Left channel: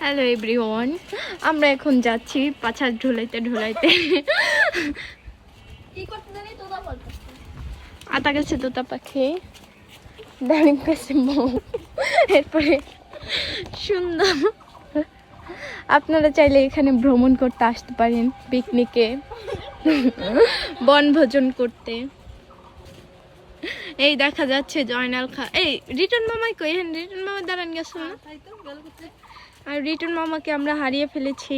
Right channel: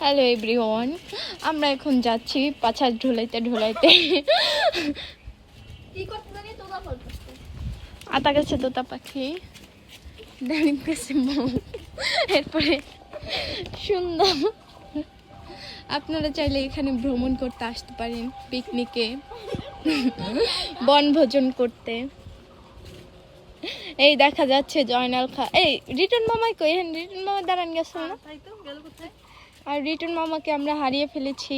Hello everyone, আমরা এখন যাচ্ছি পাছার ঢুলাইতে ঢুলাইতে। আতা গেছে তোতা পাখি, দাঁড়িয়ে গেছে মৌ, এরপরে সুন্দর। আপনারা চাইলে এখানে ভ্রমণ করতে আসতে পারেন, পিকনিকে, বনভোজন করতে। এই দেখা যাচ্ছে জয়নাল খা। এই রিটন মামাই কই? হ্যাঁ, রিটন মামা দাঁড়ান গেছিল না? আর রিটন মামাকে আমরা হারিয়ে ফেলেছি।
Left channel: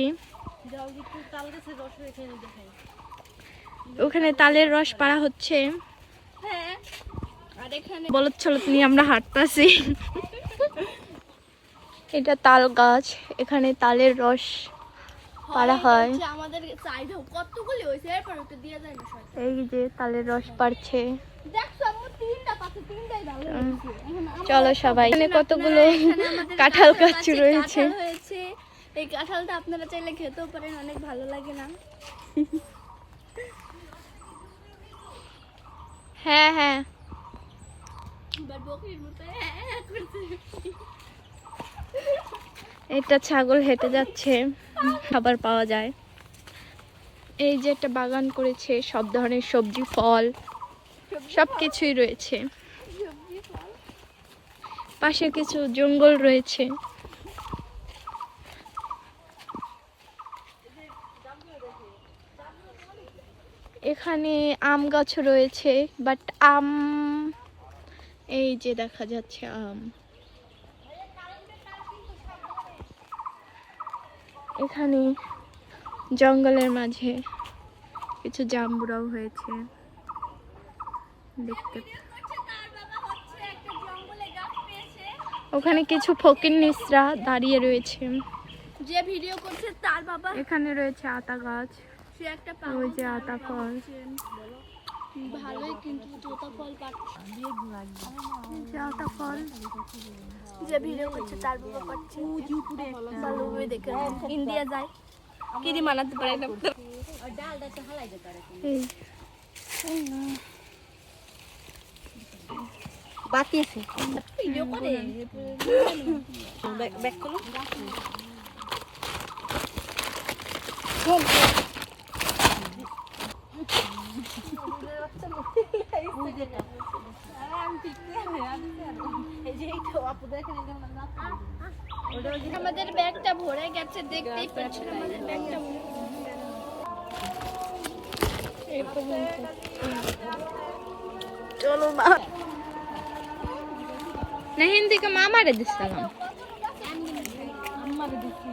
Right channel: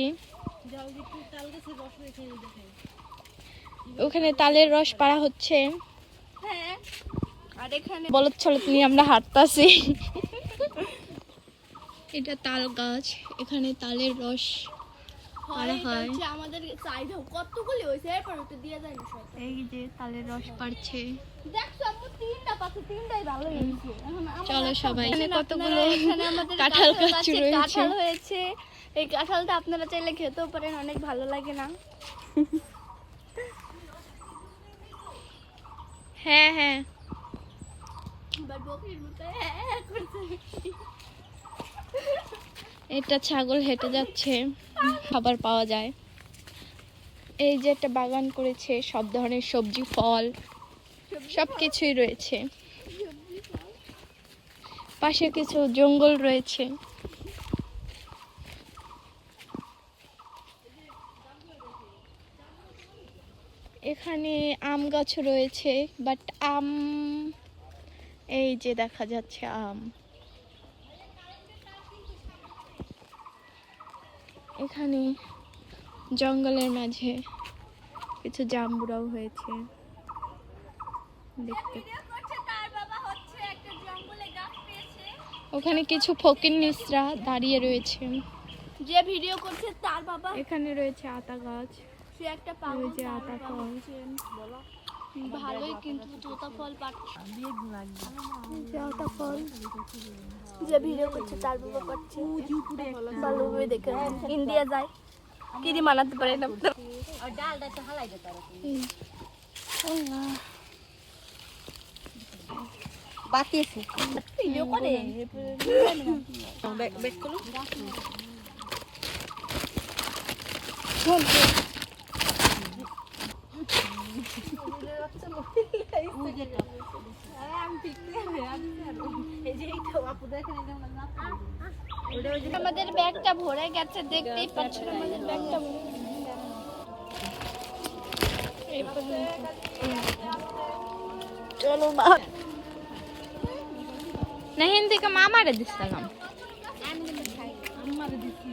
ওখানে তালের রস পাড়া হচ্ছে, আর এখানে বলদ ছলদ নিয়ে আমরা হাঁটতাছি। এটা তাল গাছ, এখানে তালের রস পাড়া হয়। আমাদের চাইদা কতগুলি হইছে এরপর ওটা দিয়া যায় না শয়তান। এই যে তালের রস পাড়ছে। দেখছো আম্মু তিনটা পাতা তিনটাই ভালো হয়েছে। চলো সবাই। এখানে কতগুলো এখানে আমাদের কাঁঠাল গাছ রয়েছে। কাঁঠাল হয়েছে। এই কাঁঠালটা আপনারা চাইলে খেতেও পারেন, অনেক ভালো লাগে না? হ্যাঁ হ্যাঁ, এবার বকরির মতো করছে। এটা ছাগল হেঁটে যাচ্ছে, খাবার পাওয়া যায়। এই যে একটা বাগান করেছে, সব ধরনের সবজি ফল সবকিছুই রয়েছে। পাশে কিছু জঙ্গল রয়েছে। এখানে আম গাছ রয়েছে, বাট আম, এই যে দেখা যাচ্ছে আম। এখানে জঙ্গলের মাঝে কিছু জাম্বুরাও হয়েছে দেখতে। ওখানে কিছু ফকির নিসরা দাঁড়িয়ে রয়েছে। যে ভিডিও করছে তার বাবা এখানে রয়েছে আতা গাছ, সে একটা ওই যে আতা ফল। ভালোই কিন্তু তোতা ফল পাচ্ছে। যে আতা ফল, যে ভিডিও করছে তার বাবা পাচ্ছে উপরে ভালোভাবে দেখে ইন্ডিয়া যায় কি দি মানাতে পারে না। আর ডালটা তো হালাই দিতে পারে। এই বাকি আছে ভিডিও করে ব্যাক করুন। আমাদের ব্যাগটা ভরে গেছে, দেখতেই পাচ্ছেন আমাদের ব্যাগটা। চলো মা না হিন্দি কে মামারে দিছিলাম। আমারে দিছি